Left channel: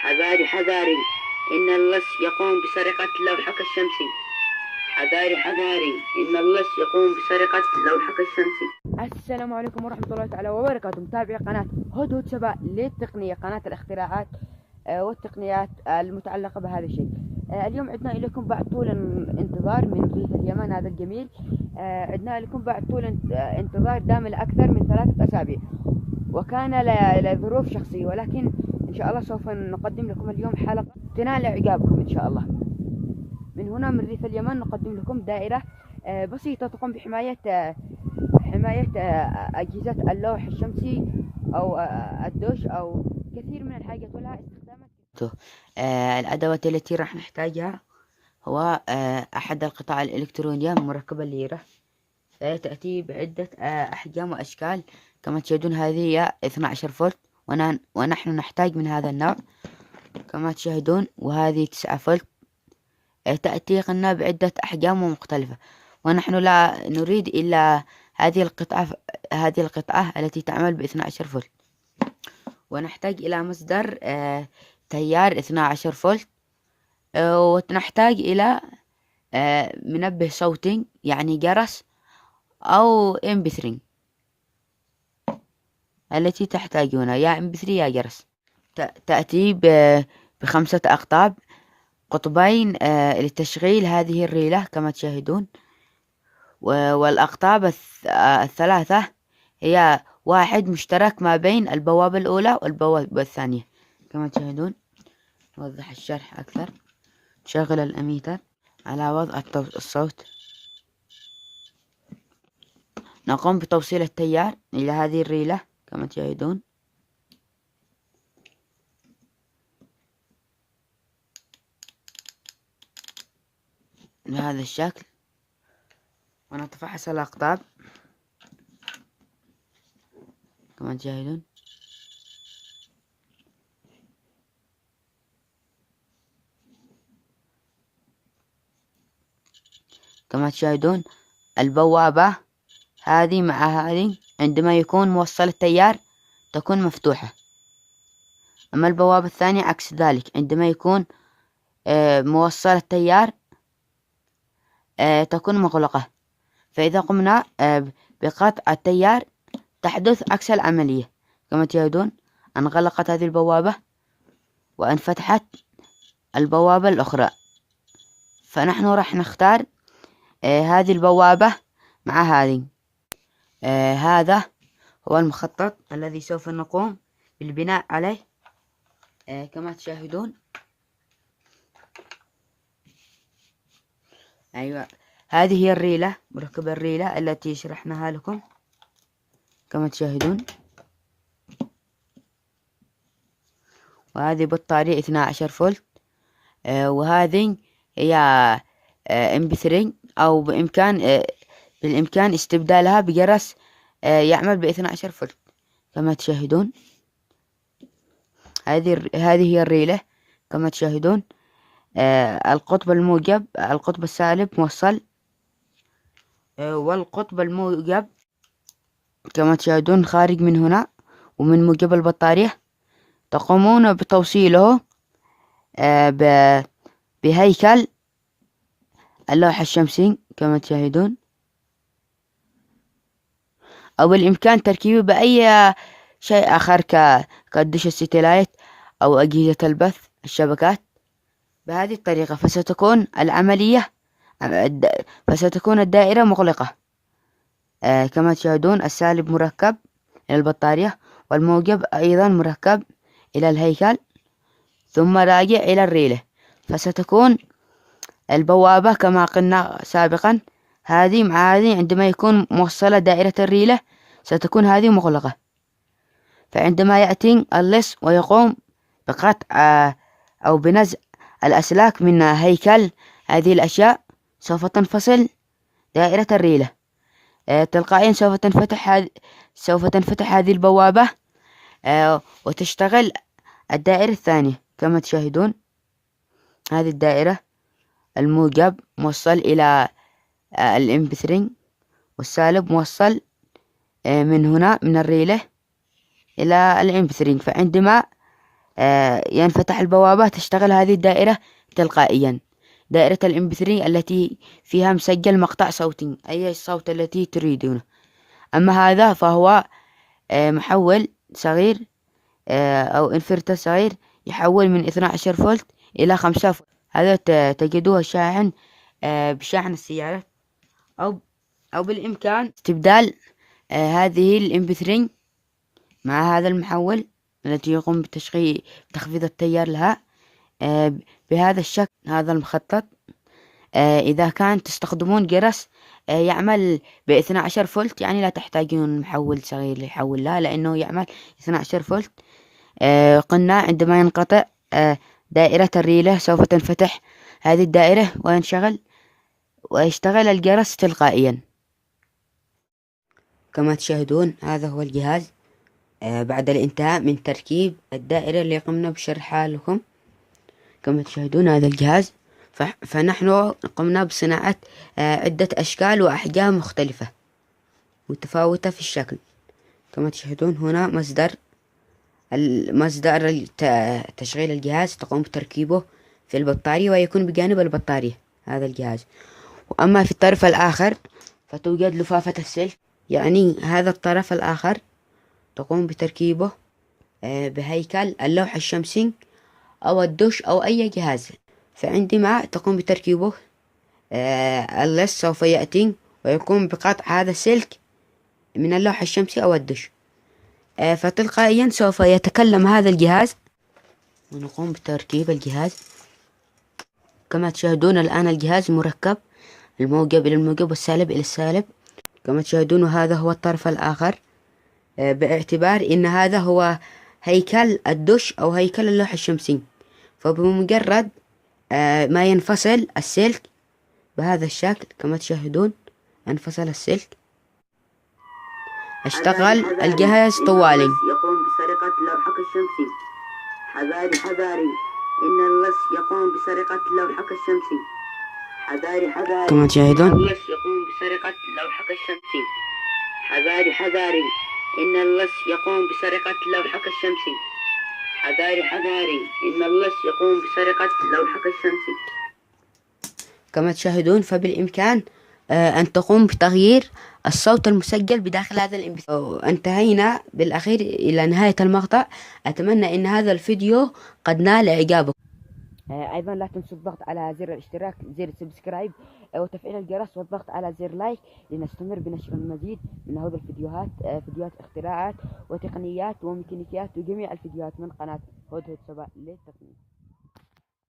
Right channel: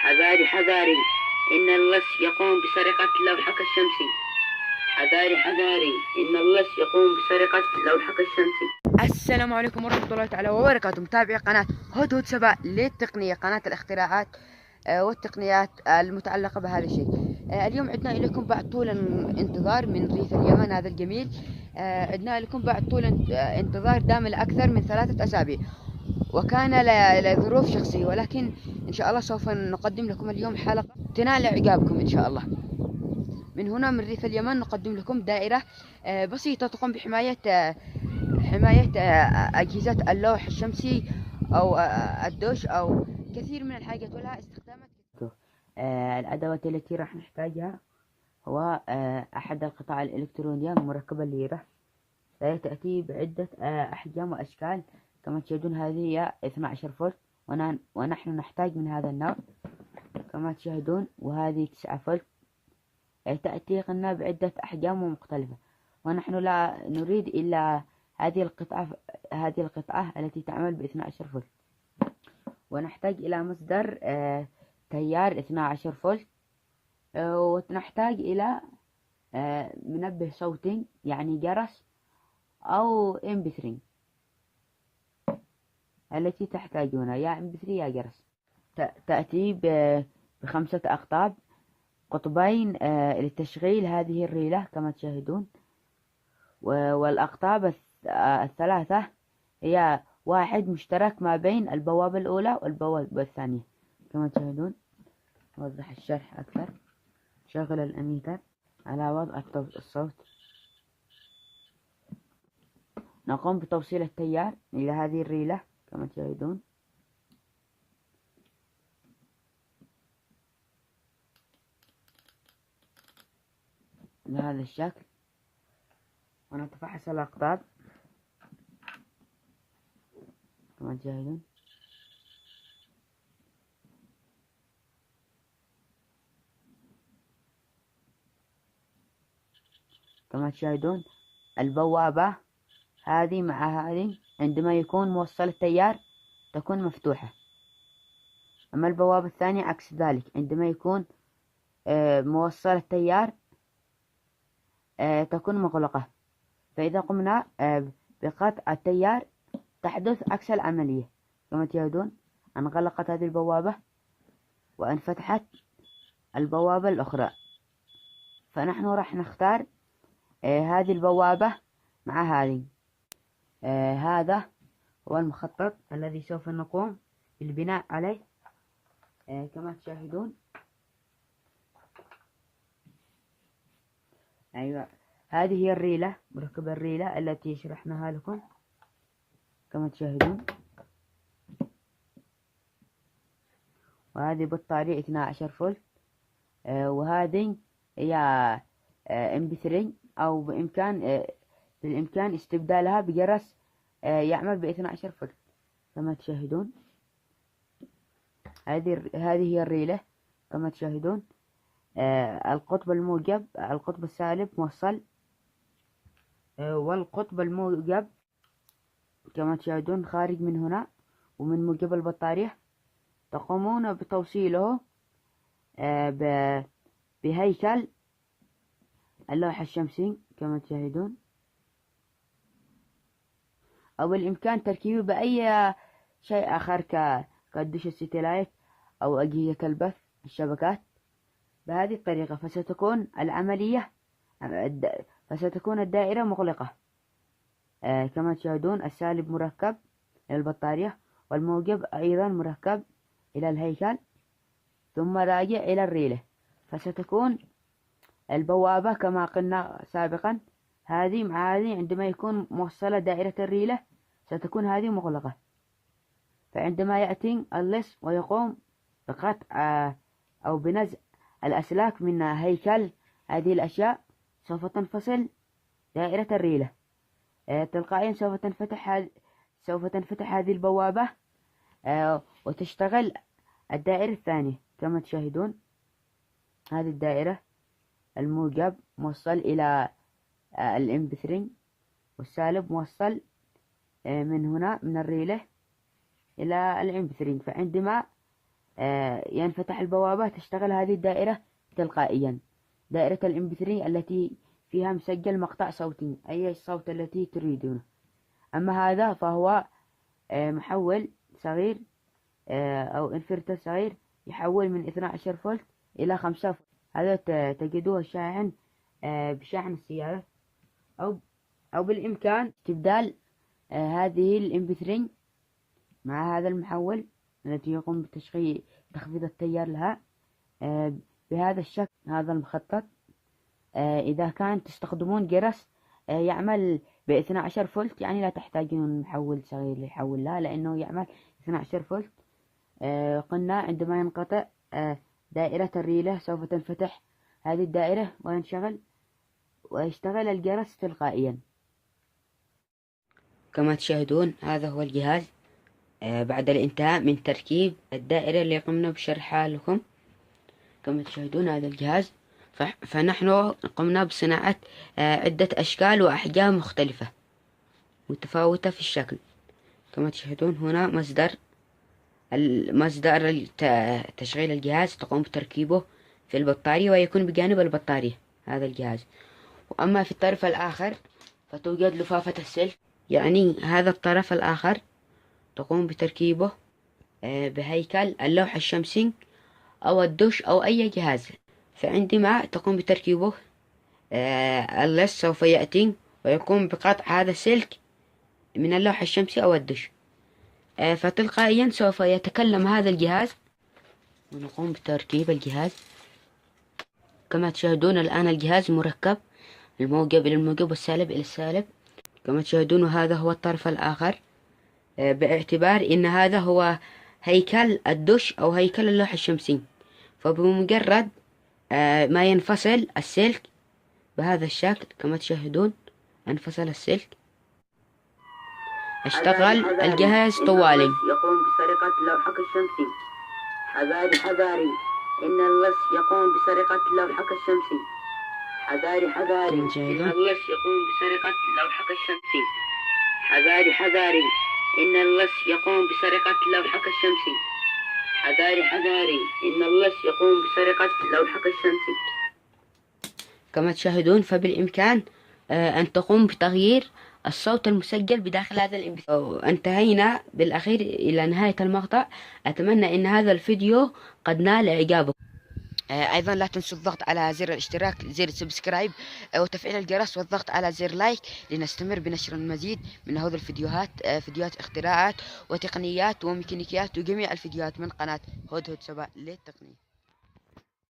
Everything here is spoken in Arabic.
حذاري حذاري، إن اللص يقوم بسرقة لوحك الشمسي. حذاري حذاري، إن اللص يقوم بسرقة لوحك الشمسي. السلام عليكم ورحمة الله تعالى وبركاته، متابعي قناة هدهد سبا للتقنية، قناة الاختراعات والتقنيات المتعلقة بهذا الشيء. اليوم عدنا إليكم بعد طول انتظار من ريف اليمن هذا الجميل. عدنا لكم بعد طول انتظار دام لأكثر من 3 أسابيع، وكان لظروف شخصية، ولكن إن شاء الله سوف نقدم لكم اليوم حلقة تنال إعجابكم إن شاء الله. من هنا من ريف اليمن نقدم لكم دائرة بسيطة تقوم بحماية أجهزة اللوح الشمسي أو الدش أو كثير من الحاجات ولها استخدامات. الأدوات التي راح نحتاجها هو أحد القطع الإلكترونية مركبة الليرة، تأتي بعدة أحجام وأشكال. كما تشاهدون هذه هي 12 فولت، ونحن نحتاج من هذا النوع كما تشاهدون، وهذه 9 فولت. تأتي قلنا بعدة أحجام مختلفة، ونحن لا نريد إلا هذه القطعة التي تعمل ب12 فولت. ونحتاج إلى مصدر تيار 12 فولت، ونحتاج إلى منبه صوتي يعني جرس أو MP3 التي تحتاجونها، يا MP3 يا جرس. تأتي ب5 أقطاب، قطبين لتشغيل هذه الريلة كما تشاهدون، والأقطاب الثلاثة هي واحد مشترك ما بين البوابة الأولى والبوابة الثانية كما تشاهدون. نوضح الشرح أكثر. نشغل الأميتر على وضع الصوت. نقوم بتوصيل التيار إلى هذه الريلة كما تشاهدون. بهذا الشكل، ونتفحص الأقطاب كما تشاهدون. كما تشاهدون البوابة هذه مع هذه عندما يكون موصل التيار تكون مفتوحة، أما البوابة الثانية عكس ذلك، عندما يكون موصل التيار تكون مغلقة. فإذا قمنا بقطع التيار تحدث عكس العملية. كما تشاهدون انغلقت هذه البوابة وانفتحت البوابة الأخرى، فنحن راح نختار هذه البوابة مع هذه. هذا هو المخطط الذي سوف نقوم بالبناء عليه. كما تشاهدون، أيوة، هذه هي الريلة، مركب الريلة التي شرحناها لكم كما تشاهدون. وهذه بطارية 12 فولت، وهذه هي MP3، أو بالإمكان استبدالها بجرس يعمل ب12 فولت كما تشاهدون. هذه هي الريلة كما تشاهدون. القطب الموجب القطب السالب موصل، والقطب الموجب كما تشاهدون خارج من هنا ومن موجب البطارية. تقومون بتوصيله بهيكل اللوحة الشمسي كما تشاهدون، أو بالإمكان تركيبه بأي شيء آخر كالدش الستلايت أو أجهزة البث الشبكات. بهذه الطريقة فستكون الدائرة مغلقة. كما تشاهدون السالب مركب إلى البطارية، والموجب أيضا مركب إلى الهيكل، ثم راجع إلى الريلة. فستكون البوابة كما قلنا سابقا هذه مع هذه، عندما يكون موصلة دائرة الريلة ستكون هذه مغلقة. فعندما يأتي اللص ويقوم بقطع أو بنزع الأسلاك من هيكل هذه الأشياء، سوف تنفصل دائرة الريلة تلقائيا. سوف تنفتح هذه البوابة وتشتغل الدائرة الثانية كما تشاهدون. هذه الدائرة الموجب موصل إلى MP3، والسالب موصل من هنا من الريلة إلى MP3. فعندما ينفتح البوابة تشتغل هذه الدائرة تلقائيا. دائرة الMP3 التي فيها مسجل مقطع صوتي، أي الصوت التي تريدونه. أما هذا فهو محول صغير أو انفرتر صغير يحول من 12 فولت إلى 5 فولت. هذا تجدوه شاحن بشاحن السيارة، أو بالإمكان استبدال هذه الMP3 مع هذا المحول الذي يقوم بتخفيض التيار لها بهذا الشكل. هذا المخطط إذا كان تستخدمون جرس يعمل ب12 فولت، يعني لا تحتاجون محول صغير يحول لها، لأنه يعمل 12 فولت. قلنا عندما ينقطع دائرة الريلة سوف تنفتح هذه الدائرة ويشتغل الجرس تلقائيا. كما تشاهدون هذا هو الجهاز بعد الانتهاء من تركيب الدائرة اللي قمنا بشرحها لكم. كما تشاهدون هذا الجهاز، فنحن قمنا بصناعة عدة أشكال وأحجام مختلفة متفاوتة في الشكل. كما تشاهدون هنا مصدر تشغيل الجهاز، تقوم بتركيبه في البطارية ويكون بجانب البطارية هذا الجهاز. وأما في الطرف الآخر فتوجد لفافة السلك، يعني هذا الطرف الآخر تقوم بتركيبه بهيكل اللوح الشمسي أو الدش أو أي جهاز. فعندما تقوم بتركيبه اللص سوف يأتي ويقوم بقطع هذا السلك من اللوح الشمسي أو الدش، فتلقائيا سوف يتكلم هذا الجهاز ونقوم بتركيب الجهاز. كما تشاهدون الآن الجهاز مركب، الموجب إلى الموجب والسالب إلى السالب. كما تشاهدون هذا هو الطرف الآخر، باعتبار إن هذا هو هيكل الدش أو هيكل اللوح الشمسي، فبمجرد ما ينفصل السلك بهذا الشكل، كما تشاهدون انفصل السلك، اشتغل الجهاز طوالي. يقوم بسرقة لوحك الشمسي. حذاري حذاري إن اللص يقوم بسرقة لوحك الشمسي. حذاري حذاري كما تشاهدون إن اللص يقوم بسرقة لوحك الشمسي. حذاري حذاري إن اللص يقوم بسرقة لوحك الشمسي. حذاري حذاري إن اللص يقوم بسرقة لوحك الشمسي. كما تشاهدون فبالإمكان أن تقوم بتغيير الصوت المسجل بداخل هذا الMP3. انتهينا بالأخير إلى نهاية المقطع. أتمنى أن هذا الفيديو قد نال إعجابكم. أيضا لا تنسوا الضغط على زر الاشتراك، زر سبسكرايب، وتفعيل الجرس، والضغط على زر لايك لنستمر بنشر المزيد من هذه الفيديوهات، فيديوهات اختراعات وتقنيات وميكانيكيات وجميع الفيديوهات من قناة هدهد سبا للتقنية.